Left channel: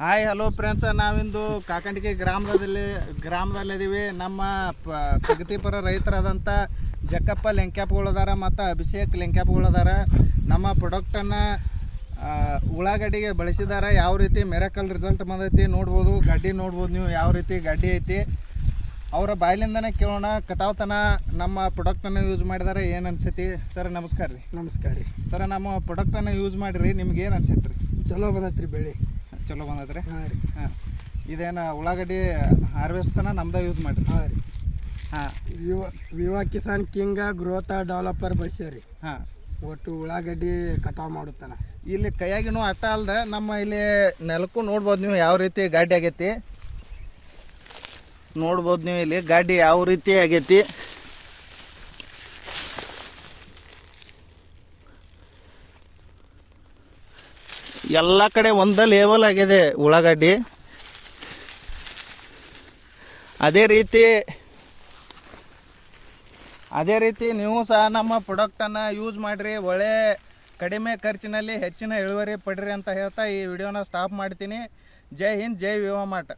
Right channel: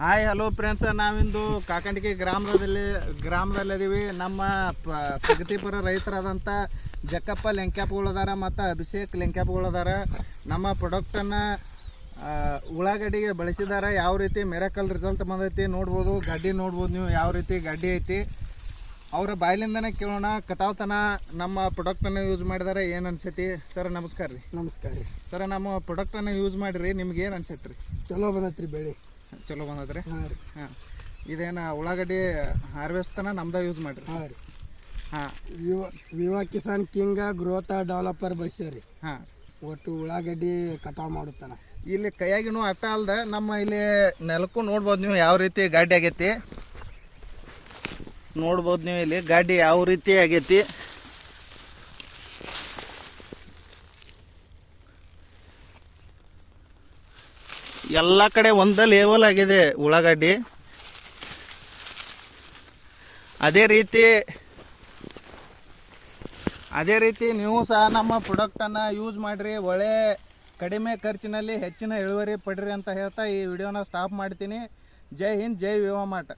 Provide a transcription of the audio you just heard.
Hi hello friends, ನಾವಿಂದು ಕಾಕಂಡಿಗೆ ಗ್ರಾಮದಲ್ಲಿದ್ದೀವಿ. ನಮ್ಮ ಪ್ರಗತಿಪರ ರೈತರಾದಂಥ ಜಕ್ಕಪ್ಪ ಲೆಂಕ್ಯಾಪ್ಗಳದಾರ ಮತ್ತು ಅಭಿಷೇಕ್ ಲೆಂಕ್ಯಾಪ್ಗಳದಾರ. ನಮ್ಮ ಪ್ರಾಡಕ್ಟನ್ನು ಉಳ್ಳಾಗಡ್ಡಿಗೆ ಬಳಸಿದಾರೆ. ಯಾವ ರೀತಿ ಮಿರಾಕಲ್ ರಿಸಲ್ಟ್ ಬಂದೈತಿ ನೋಡ್ಬೋದು. ಗಡ್ಡಿ ನೋಡ್ಬೋದು ನೀವು, ಯಾವ ರೀತಿ ಗಡ್ಡಿ ಐತಿ. ಅವರ ಬಾಯಿಲಿಂದನೇ ಕೇಳೋಣ. ಕಟಾವ್ತನ ನಮ್ಮ ಪ್ರಾಡಕ್ಟನ್ನು ಯೂಸ್ ಮಾಡಿದಾರೆ, ಏನು ಅನ್ಸೈತಿ ಸರ್? ನಮಸ್ಕಾರ ರೀ. ನಮಸ್ಕಾರ ರೀ ಸರ್, ನಮ್ಮ ಪ್ರಾಡಕ್ಟನ್ನು ಯೂಸ್ ಮಾಡಿರಿ, ನಿಮ್ಗೆ ಏನು ಅನ್ಸೈತಿ ರೀ? ಚಲೋ ಬಂದೈತ್ರಿ ಬೆಳೆ. ಚಲೋ ಬಂದದ್ರಿ. ಹಾಂ ರೀ. ಹಾಂ, ಇದೇನು ಉಳ್ಳಾಗಡ್ಡಿ ಹಾರ್ವೆಸ್ಟನ್ನ ನಮ್ದು ಯೂಸ್ ಮಾಡಿರಿ? ಹಾಂ ರೀ. ಹಾಂ, ವಿವಾ ಕಿಸಾನ್ ಕಿಂಗ ಗ್ರೋತ್ ಡೆವಲಪರ್ ಬಳಸ್ಯಾರಿ. ಹಾಂ, ಒಟ್ಟು ಉಳ್ಳಾಗಡ್ಡಿ ಕಟಾವು ಮಾಡುತ್ತಾನ. ಇಲ್ಲಿ ಕೈಯಾಗಿನೂ ಅಟ್ಟ ಅಲ್ದೆ ನಮ್ಮ ಇಲ್ಲಿ ನೆಲಕ್ಕೂ ನೋಡ್ಬೋದು ನೀವು ಯಾವ ರೀತಿ ಗಾಡಿ ಆಗೈತಿ. ನೋಡ್ಬೋದು ನೀವು ಇಲ್ಲಿ ಗಾಡಿ ಯಾವ ರೀತಿ ಆಗೈತಿ. ಎಲ್ಲ ಕಡೆ ಒಂದ ಲೆವೆಲ್ ಆಗಿದೆ ಉಳ್ಳಾಗಡ್ಡಿ. ಅದೇ ರೀತಿ ನೀವು ಸಹ ನಮ್ಮ ಪ್ರಾಡಕ್ಟನ್ನು ಯೂಸ್ ಮಾಡಿರಿ. ಒಳ್ಳೆ ಕಡಿಮೆ ಖರ್ಚಿನಲ್ಲಿ ಹೆಚ್ಚಿನ ಇಳುವರಿ ಪಡ್ರಿ ಅಂತ ಹೇಳ್ತಾ ಈ ವಿಡಿಯೋನ ಸ್ಟಾಪ್ ಮಾಡ್ತೀನಿ. ಜೈ ಹಿಂದ್, ಜೈ ವಿವಾ ಮಾರ್ಟ್.